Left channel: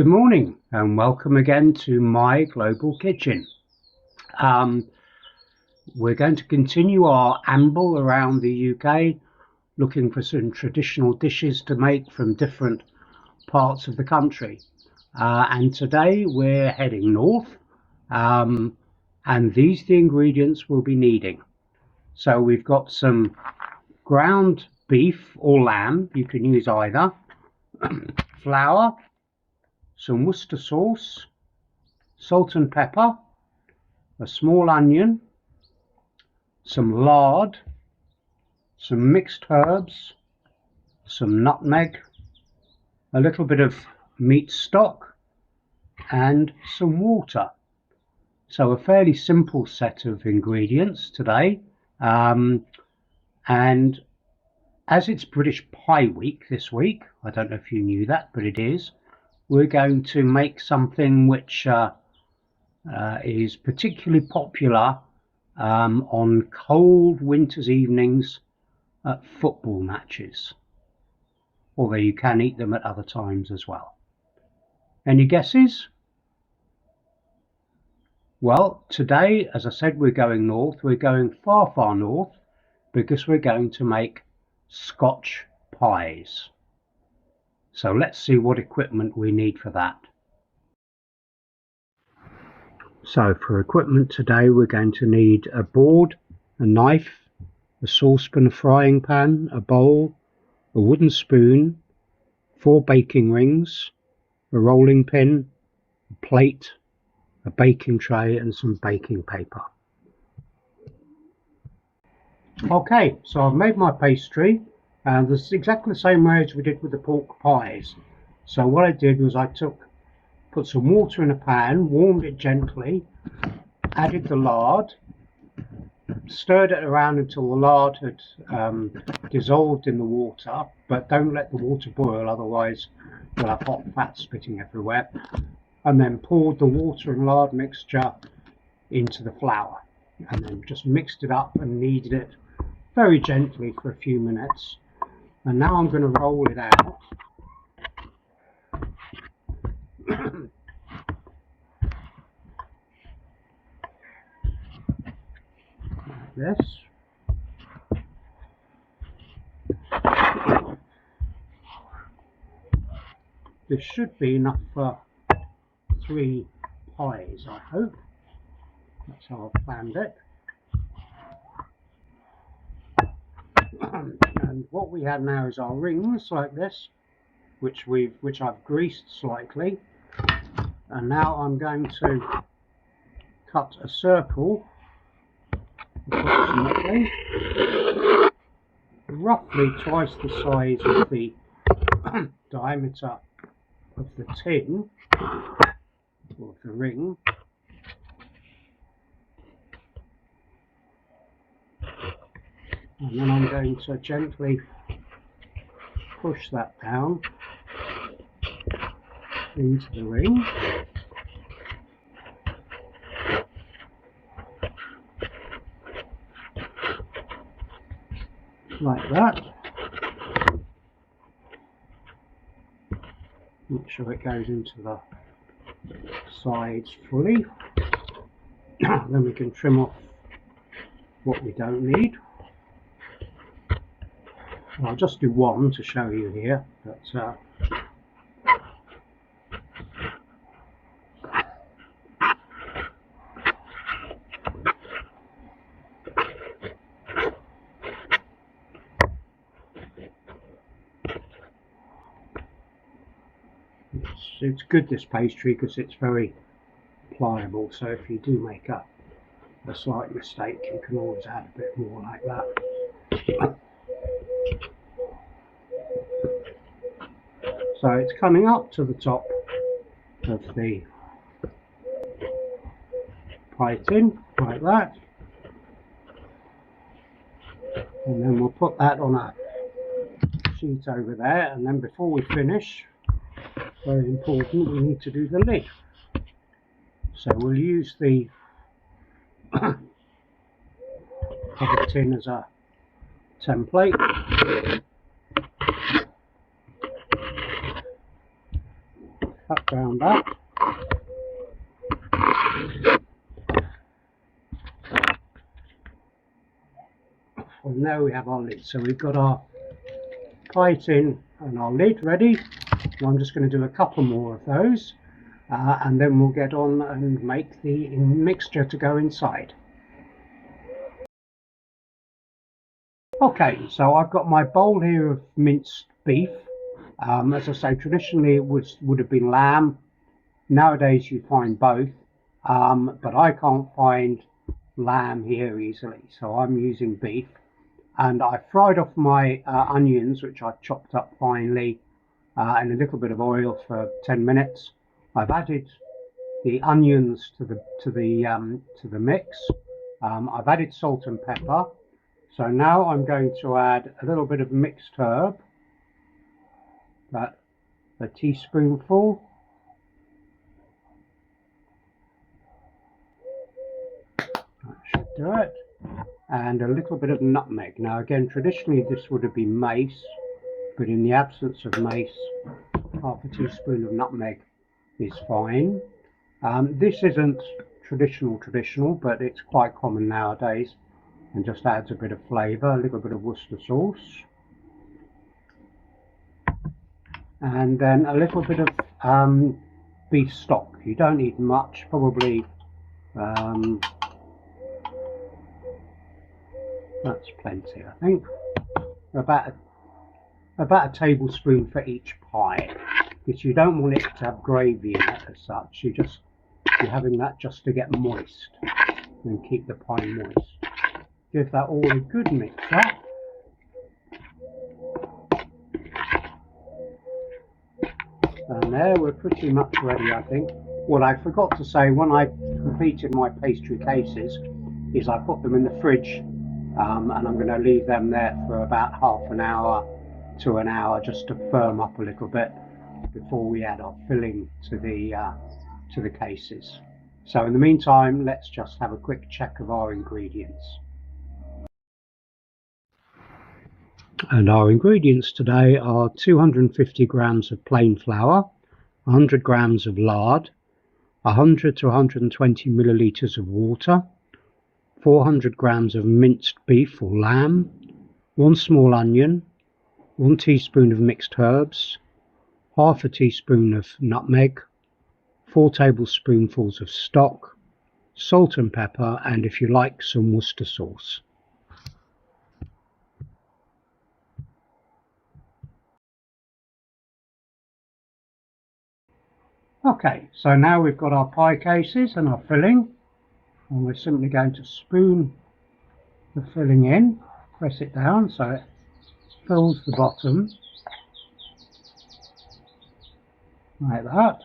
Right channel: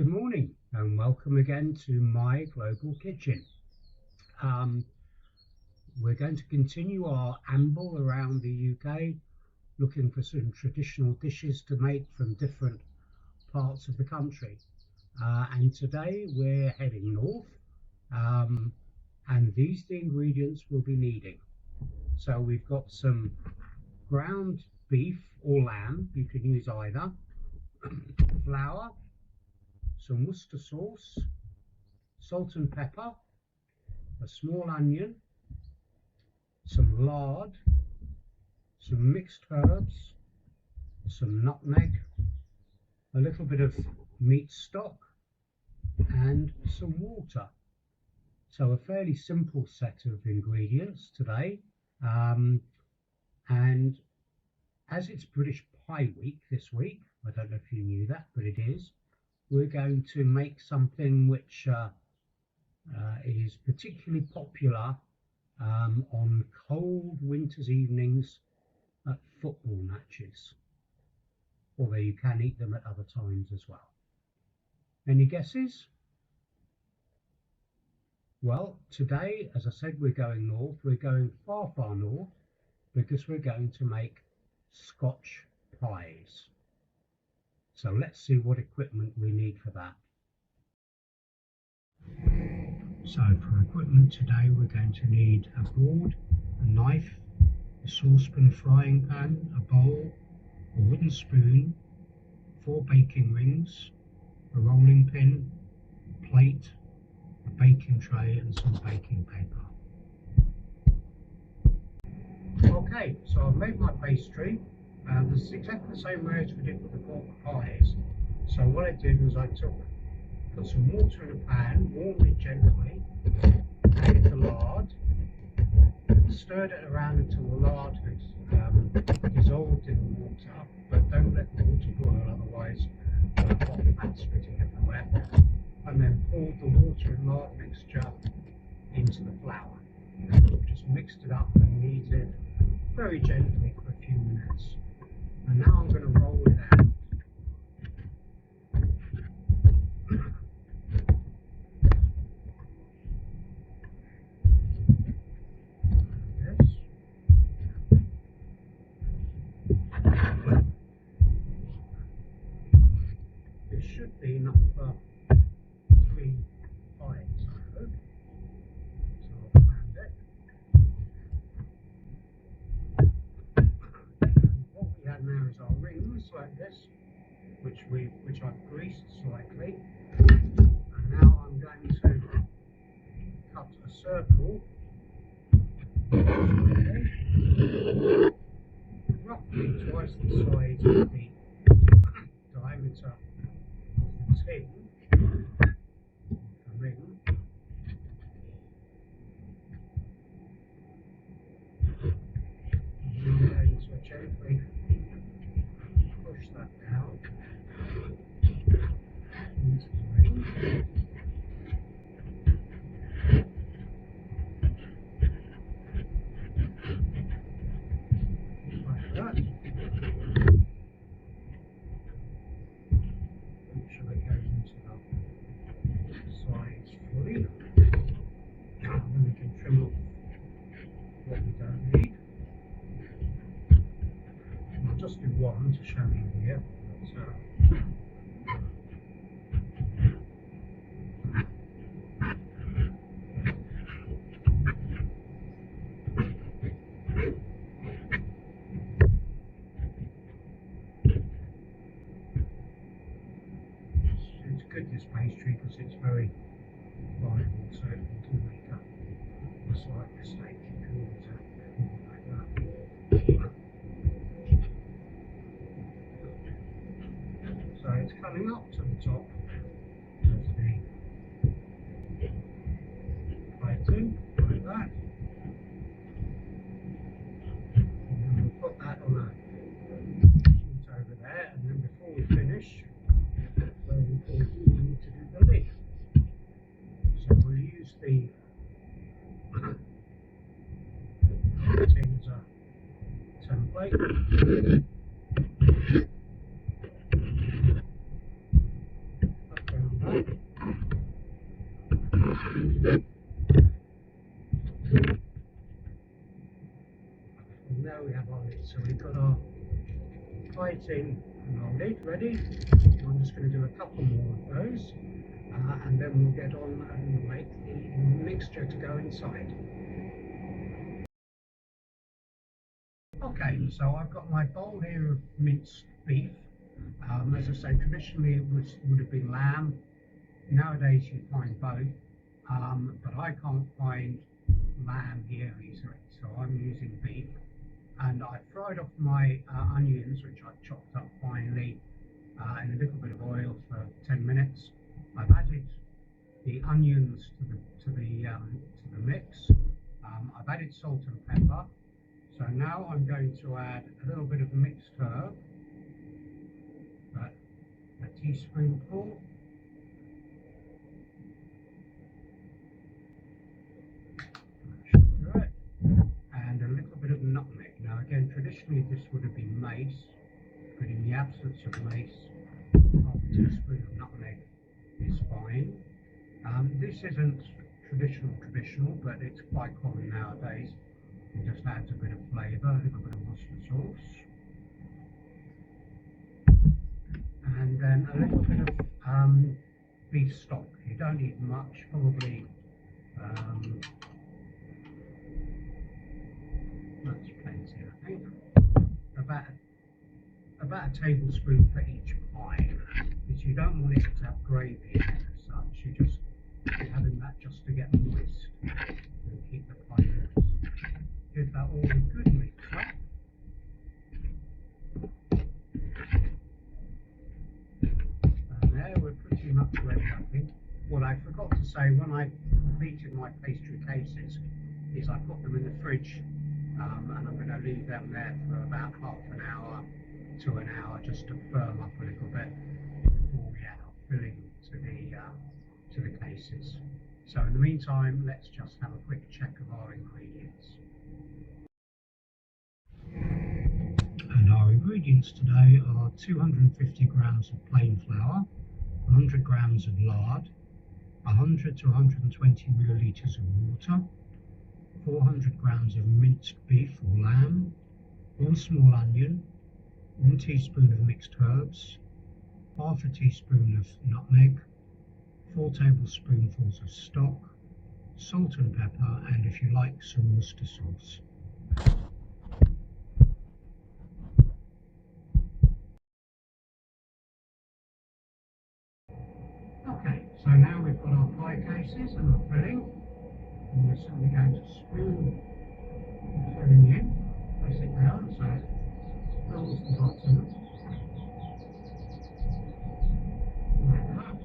Good morning and welcome again to my global kitchen. We're going to continue our amble around the UK looking for some traditional dishes to make from different parts of the country. And today we're heading north, and these are the ingredients we'll be needing. So we've got some ground beef or lamb, you can use either, flour, some Worcester sauce, salt and pepper, a small onion, some lard, some mixed herbs, some nutmeg, a little bit of meat stock and some water. So a fairly simple set of ingredients today, and as it's British Pie Week this week, I don't know if you knew that, but it is, we're going to make something which is particularly popular on cold winter's evenings at football matches, although you can eat them at other times as well. Any guesses? Well, today, as I said, we're going north. We're going far, far north because we're going to make Scotch pies. So let's see what equipment we need for that. So for equipment today, we're going to need a board, a knife, a saucepan, a frying pan, a bowl, a wooden spoon, 4 baking rings, a rolling pin, a plate, a baking tray and some baking paper. Okay, so I've made my pastry, and this is exactly the same way as we did with the pork pies. So what I did was I put some water in a pan, warmed it gently, added the lard, stirred it around until the lard had dissolved in the water, but don't let the water boil, otherwise we'll have hot fat spitting everywhere, and then poured the water and lard mixture into the flour, and then just mixed it up and kneaded it very gently for a few minutes. And now I'm going to roll it out. This. This should be enough for 3 pies, I hope. That's how I've planned it. And what we have now is our rings like this, which I've greased slightly. And now I'm going to cut a circle, roughly twice the size of the diameter of the tin, or the ring. And then I'm going to gently push that down into the ring. Like that. Make sure it goes into the sides fully. Then we can trim off what we don't need. I'll just do one to show you here. It's good, this pastry, because it's very pliable, so if you do make a slight mistake you can always add a bit more like that. So it's coming up to the top of the pie tin like that, and then we'll put that on a sheet over there, and then before we finish, very important, we need to do the lid. So we'll use the tin as a template. Cut around that. And now we have our lid. So we've got our pie tin and our lid ready. And I'm just going to do a couple more of those, and then we'll get on and make the mixture to go inside. Okay, so I've got my bowl here of minced beef. As I say, traditionally it would have been lamb. Nowadays you find both, but I can't find lamb here easily, so I'm using beef. And I fried off my onions, which I've chopped up finely, in a little bit of oil for 10 minutes. I've added the onions to the mix. I've added salt and pepper. So now I'm going to add a little bit of mixed herb, a teaspoonful. That should do it. And a little bit of nutmeg. Now again, traditionally this would have been mace, but in the absence of mace, half a teaspoon of nutmeg is fine. This isn't traditional, but it's quite common nowadays and just adds a bit of flavour, a little bit of Worcester sauce. And then a little bit of beef stock. You don't need much, probably that's plenty, I think. About a tablespoon for each pie, because you don't want it to have gravy in it as such. You're having that just to get moist and keep the pie moist. Give that all a good mix up. And there, we're pretty much ready, I think. What I forgot to say when I completed my pastry cases is I put them in the fridge, and I'm going to leave them there for about half an hour to an hour just to firm up a little bit before we add our filling to the cases. So in the meantime, let's just have a quick check of our ingredients. And our ingredients today are 250 grams of plain flour, 100 grams of lard, 100 to 120 millilitres of water, 400 grams of minced beef or lamb, 1 small onion, 1 teaspoon of mixed herbs, half a teaspoon of nutmeg, 4 tablespoonfuls of stock, salt and pepper, and if you like, some Worcester sauce. Okay, so now we've got our pie cases and our filling, and we're simply going to spoon the filling in, press it down so it fills the bottom, like that.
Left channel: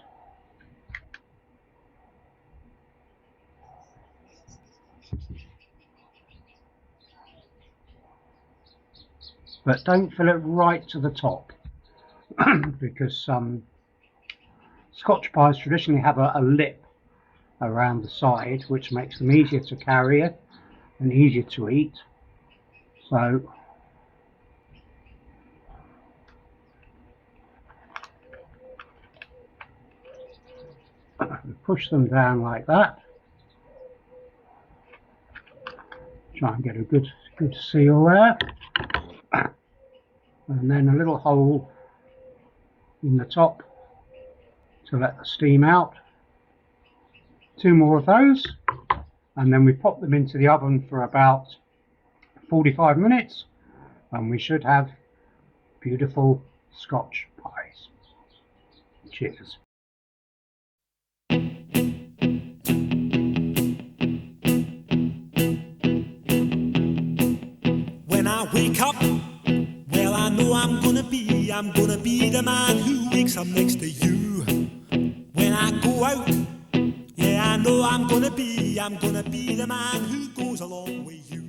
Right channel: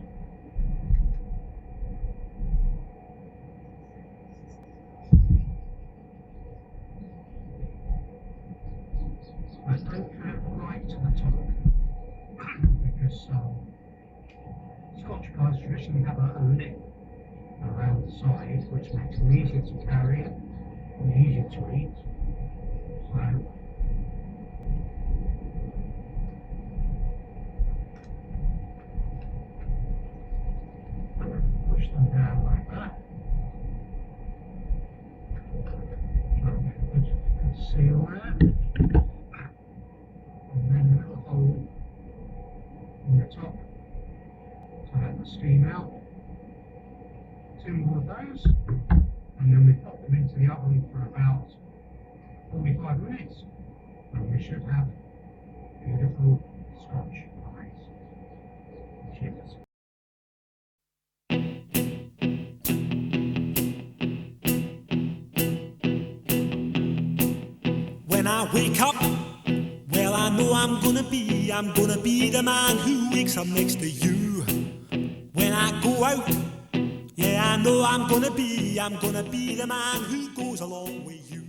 But don't fill it right to the top, because Scotch pies traditionally have a lip around the side, which makes them easier to carry it and easier to eat. So push them down like that. Try and get a good seal there, and then a little hole in the top to let the steam out. 2 more of those, and then we pop them into the oven for about 45 minutes, and we should have beautiful Scotch pies. Cheers. When I wake up, well, I know I'm gonna be the man who wakes up next to you. When I go out, yeah, I know I'm gonna be the man who goes along with you.